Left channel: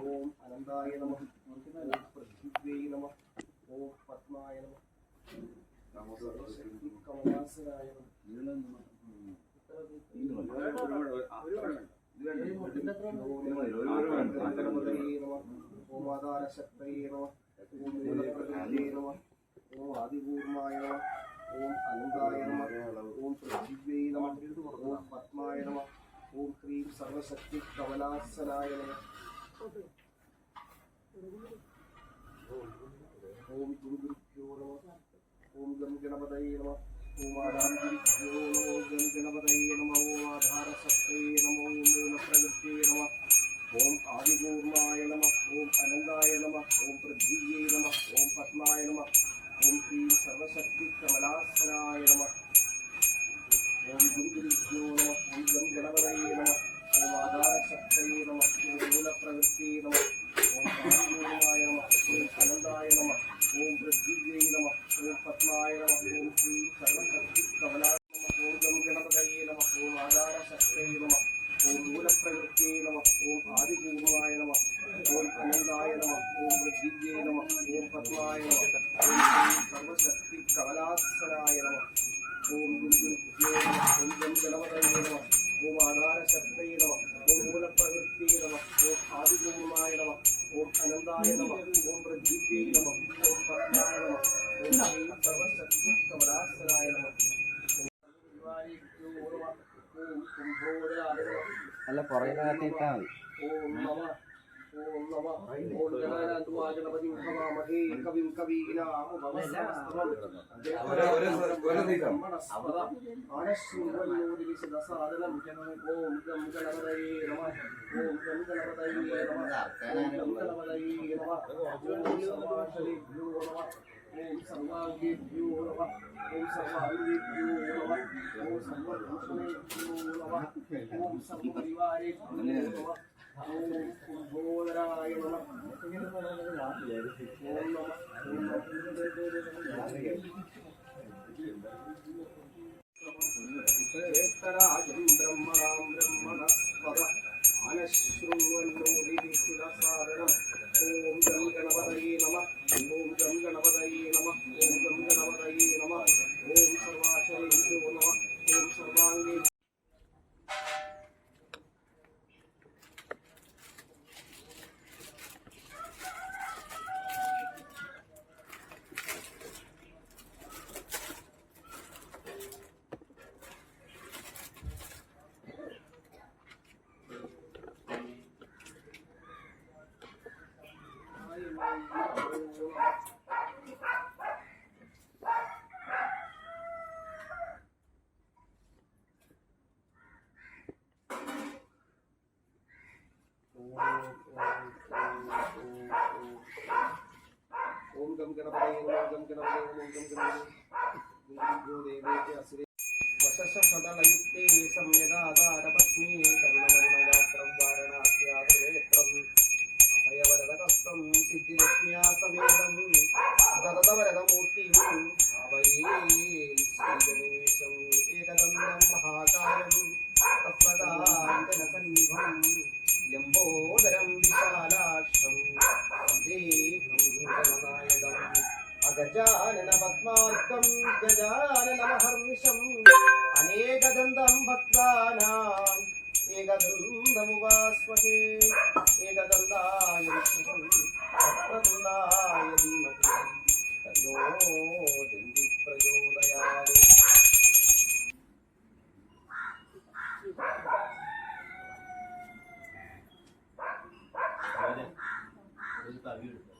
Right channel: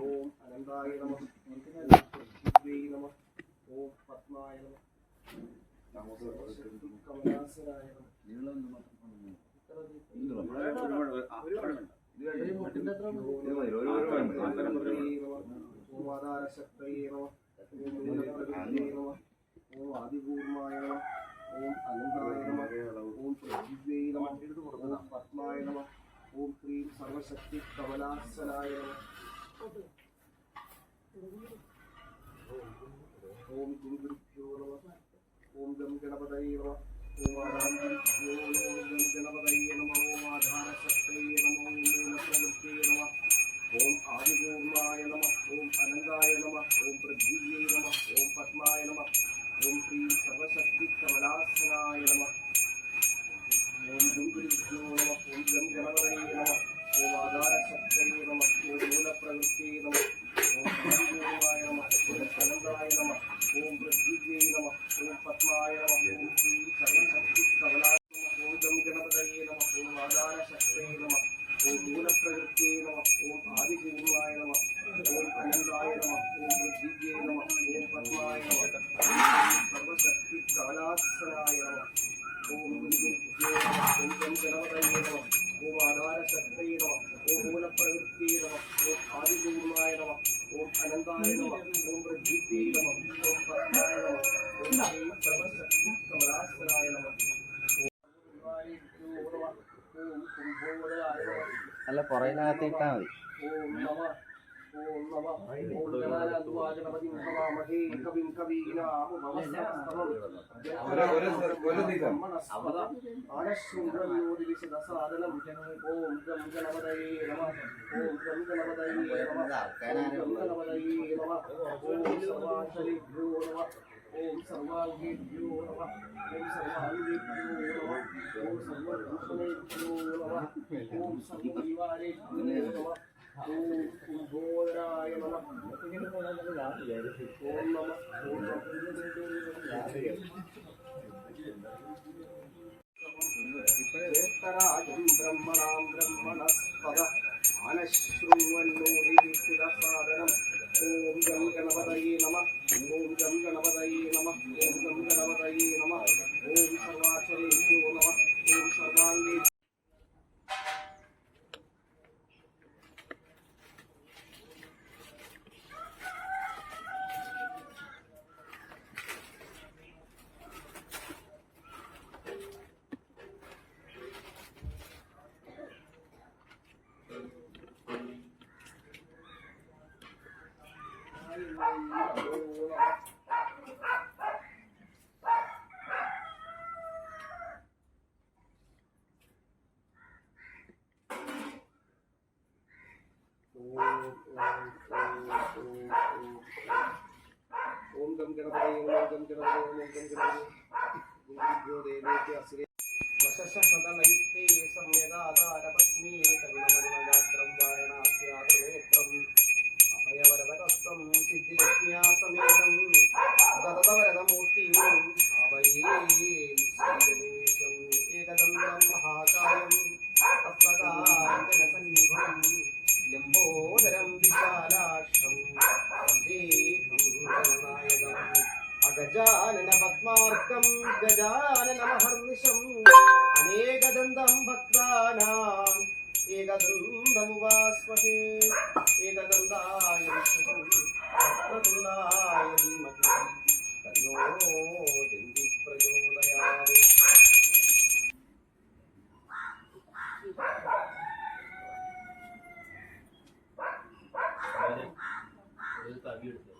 ഓം അനന്തായ നമ വിദ്വൈ നമ ഓം പത്മായ നമ കമലാസനായ നമ ഓം ആധാരശക്തയേ ഓം മൂലപ്രകൃതിയേ നമ ഓം ആദിപൂർണായ നമ. ഓം അനന്തായ നമ ഓം പൃഥ്വീ നമ ഓം പത്മായ നമ ഓം ക്രീം സർവശക്തി കമലാസനായ നമ. ഓം ഗുരുഭ്യോ നമ ഓം ഗം ഗണപതയേ നമ ഓം ആധാരഭ്യോ അല്ല പുറകിനകത്ത് ഇട്ടാ മതി. ഓം നമ ഓം നമ ഓം ഗണാനാഥുവാ ഗണപതിം ഭവാമഹേ കവിം കവീനാമുപമസ്തവം ആനശൃംഗല്ലോദിവിശദസാദനം ഓം ഗം ഗണപതയേ നമ. ഓം ഗം ഗണപതയേ നമ ഓം ഗം ഗണപതയേ നമ ഓം സർവാക്ഷരേഭ്യോ നമ ഓം സർവാംഗേഭ്യോ നമ ഓം സർവാംഗേഭ്യോ നമ ഓം സർവഭൂഷണേഭ്യോ നമ. േത്തരാജം ബ്രഹ്മണാം ബ്രഹ്മണസ്പദ ഓം ഗം ഗണപതയേ നമ. ഓം ഗം ഗണപതയേ നമ. ഓം గం గణపతి గం గణపతి గం గణపతి వశశకదలయుక్తే సమ్యగాధారపత్ని కర్ణవర్ణగాత్రం వారణాస్యాత్రం అభయవరదకస్తం సిద్ధిలక్ష్మ్యా సమేతం దరదవరదమూర్తిం భావయే శ్రీ గణేశం ఏకదండం మహాకాయం गजाननपद्मार्कं गजाननमहर्निशम् अनेकदन्तं भक्तानाम् एकदन्तमुवास्महे एकदन्ताय विष्णुं तत्प्रकुन्दाय धीमहि तन्नो दिन्दिप्रचोदयात् Thank.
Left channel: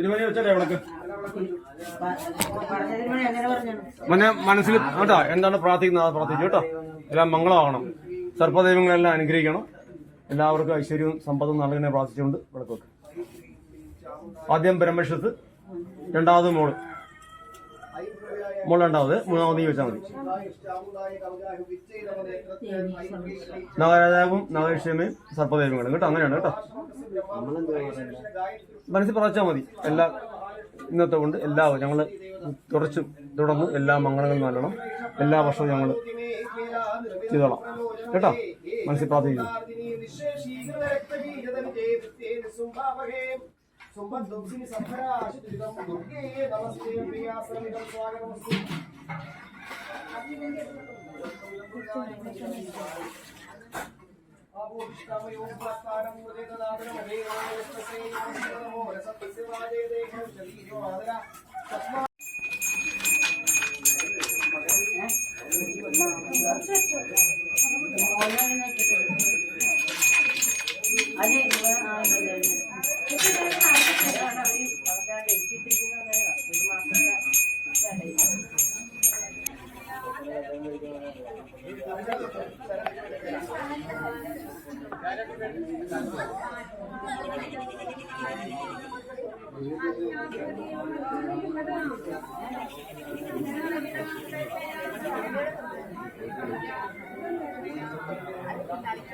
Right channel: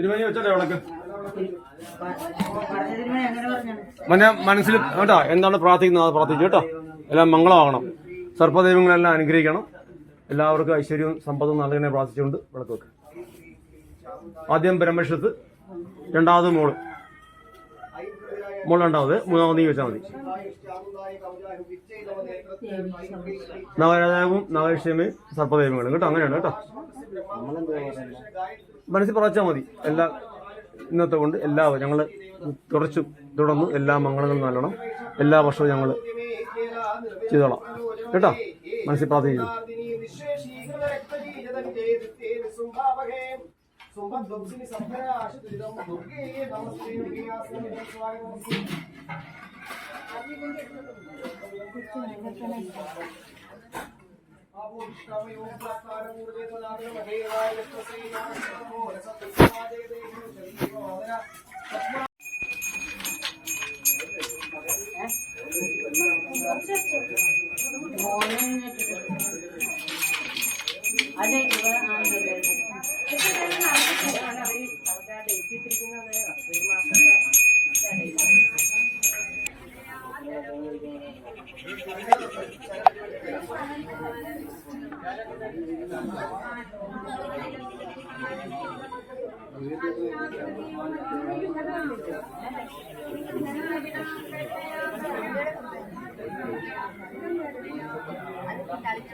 തിരുമണി വെച്ചോട്ടെ വിളക്ക് മന മനസ്സിൽ കേട്ടോ എന്താണ് പ്രാർത്ഥിക്കുന്നത്? അത് പ്രാർത്ഥിച്ചു കേട്ടോ. എല്ലാം മംഗളമാകണം. സർപ്പദൈവങ്ങളെല്ലാം അനുഗ്രഹിക്കണം. എല്ലാവർക്കും ഐശ്വര്യവും സമ്പത്തും നൽകണേ പ്രാർത്ഥിച്ചുകൊണ്ട് വിളക്ക് വെക്കാം ആദ്യം പരമേശ്വരത്ത് രണ്ടാമത് മോൾ. രണ്ടാമത് മൂന്നാമത് വെച്ചാൽ മതി. നവരാജാവും നാഗേശ്വരമയും സർപ്പദൈവങ്ങളും കേട്ടോ അങ്ങനെയാണ് കേട്ടോ. മനസ്സിൽ പറച്ചാൽ മതി. എല്ലാ ഇന്നത്തെ കൊണ്ട് എല്ലാ ഞങ്ങൾ തുടച്ചു തുടർന്ന് എല്ലാ മംഗളങ്ങളും നല്ലണം എല്ലാ വർഷവും ഞങ്ങൾ ചെയ്തോളാം. കേട്ടോ? മനസ്സിൽ പ്രാർത്ഥിക്കുന്നു. सोमवार दोपसी सभ्य आशितुरिदं दुर्गे नमस्ते प्रियासमिदं स्वागतमस्ति आपोष्टामयोप्लक्तारं मुदेतदातरमहेवायस्तसे नमस्तमो रसतत्वादे देशं शरीरोदरा तस्मा అదే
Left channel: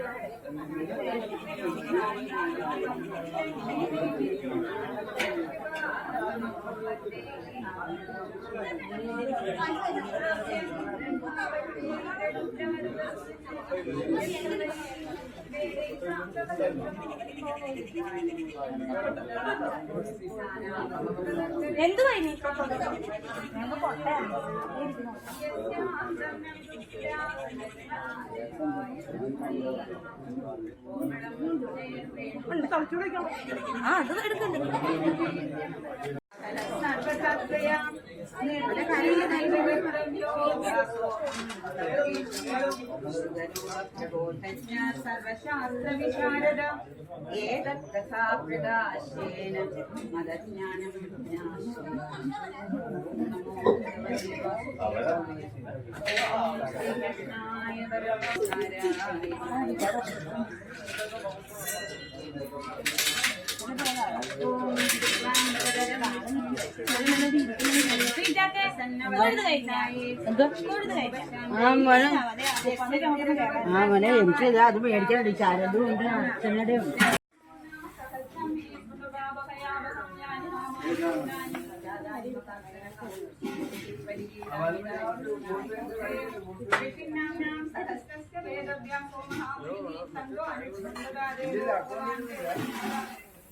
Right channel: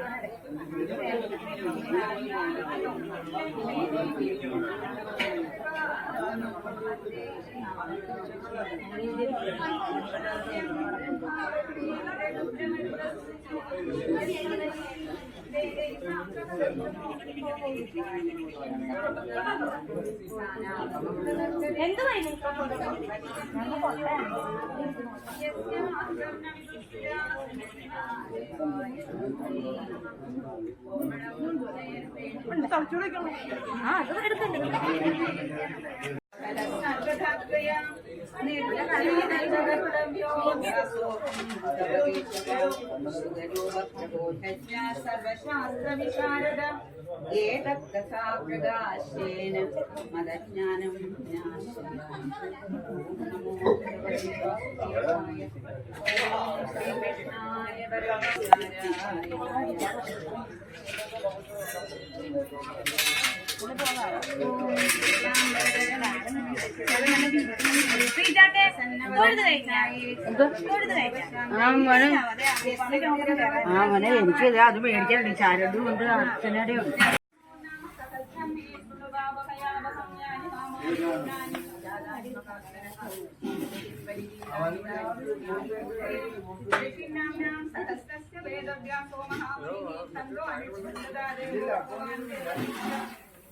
私たちは。ആയില്ലേ ആ അത് എടുക്കണ്ട സർവശാസ്ത്രവിശാരദ ഏതത്സാപ്രകാശേന മതജ്ഞാനം നമോ മോനെ ആ മോനെ എനിക്കിത് അത് മേടിക്കാനുണ്ട് ശാരദും ഉണ്ട് അച്ഛനടെ ഉണ്ട് പരിപാലന സഹസ്രസ്യ വേദവ്യാസോ മഹാമുനിഃ തന്തോ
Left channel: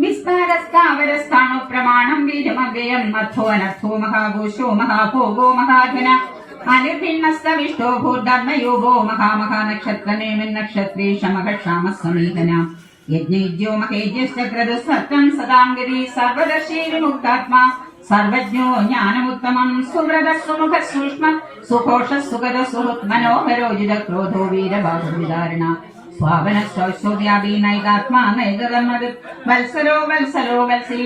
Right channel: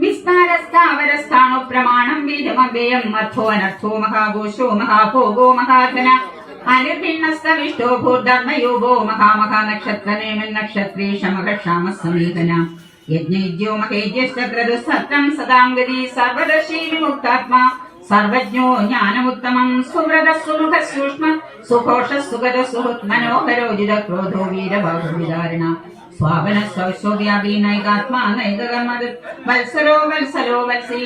വിസ്താരസ്ഥാവരസ്ഥാണു പ്രമാണം വീരമവ്യയം മഥോ അനർത്ഥോ മഹാഘോഷോ മഹാഭോഗോ മഹാധന അനിർഭിണ്ണസ്ത വിഷ്ടോ ഭൂധർമ്മയോഗോ മഹാമഹാനക്ഷത്രനേനുന്നക്ഷത്രേ ശമഘക്ഷാമ സമീപന യജ്ഞയുജ്യോ മഹേജ്യശ്ചക്രതു സത്യം സദാംഗതി സർവദർശീരുമുക്താത്മാ. സർവജ്ഞോ ജ്ഞാനമുത്തമം സുവ്രത സുമുഖ സൂക്ഷ്മ സുഘോഷ സുഗത സുഹൃത് മനോഹരോചിത ക്രോധോ വീരബാഹുവിധാരണ സ്വാപന സ്വശോദ്യാദി നൈകാത്മാ നൈകകർമ്മത് വത്സരോ വത്സലോ വത്സി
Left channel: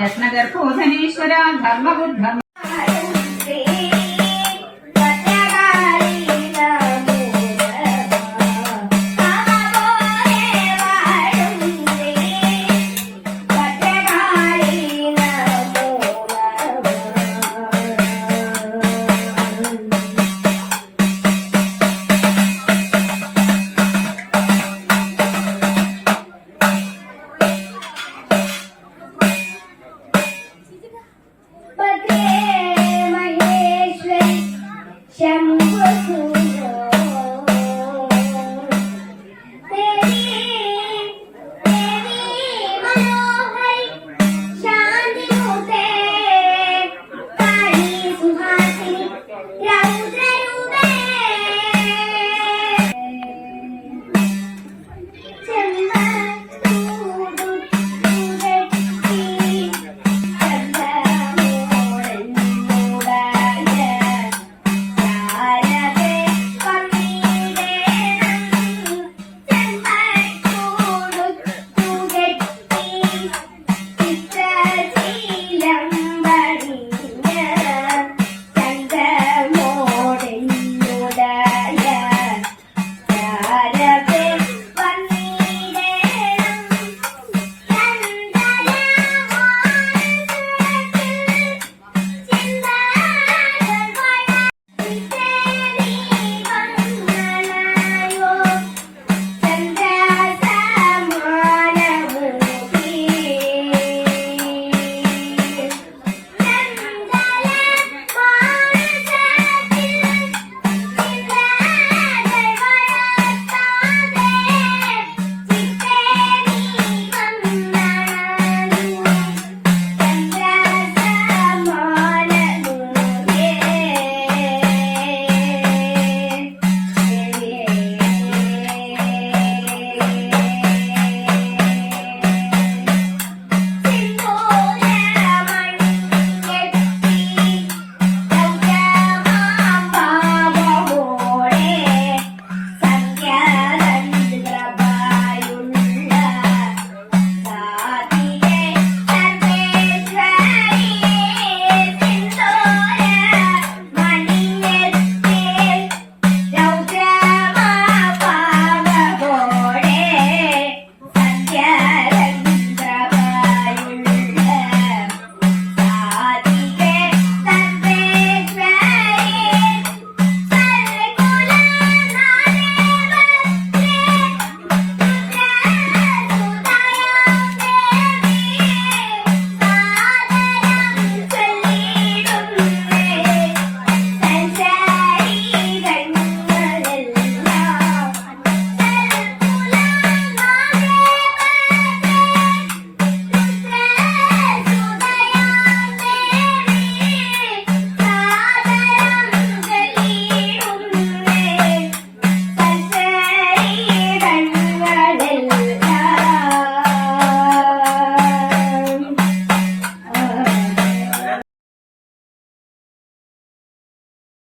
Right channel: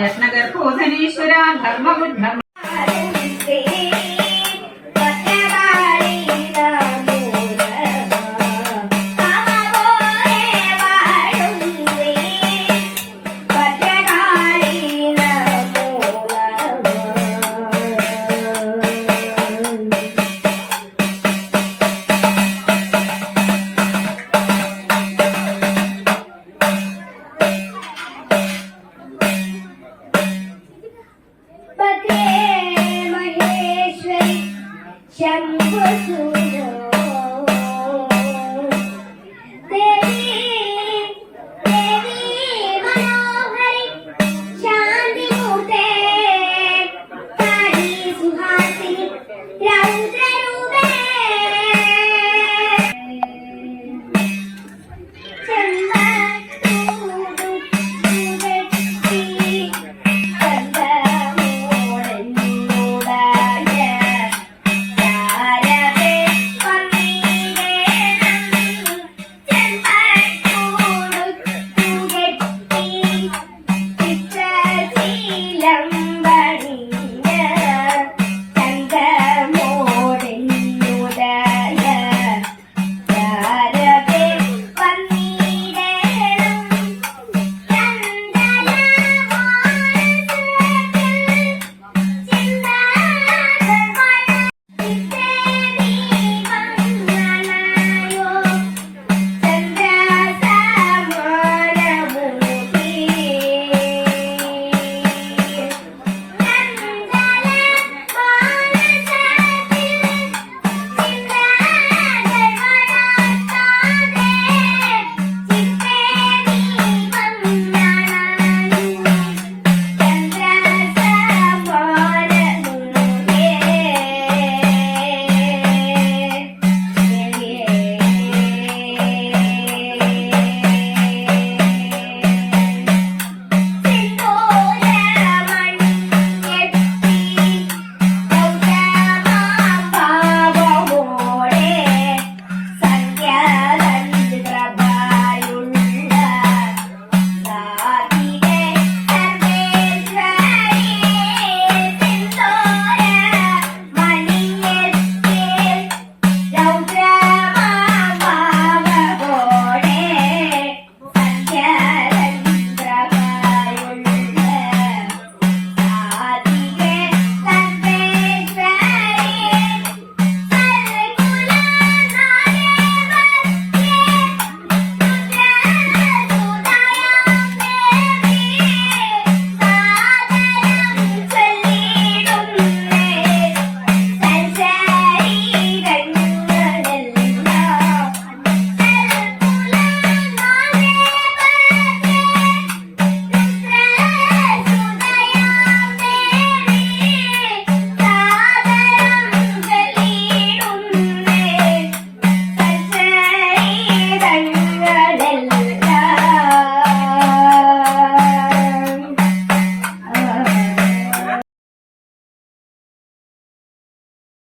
രത്നഗർഭോധനീശ്വര ധർമ്മബുദ്ധം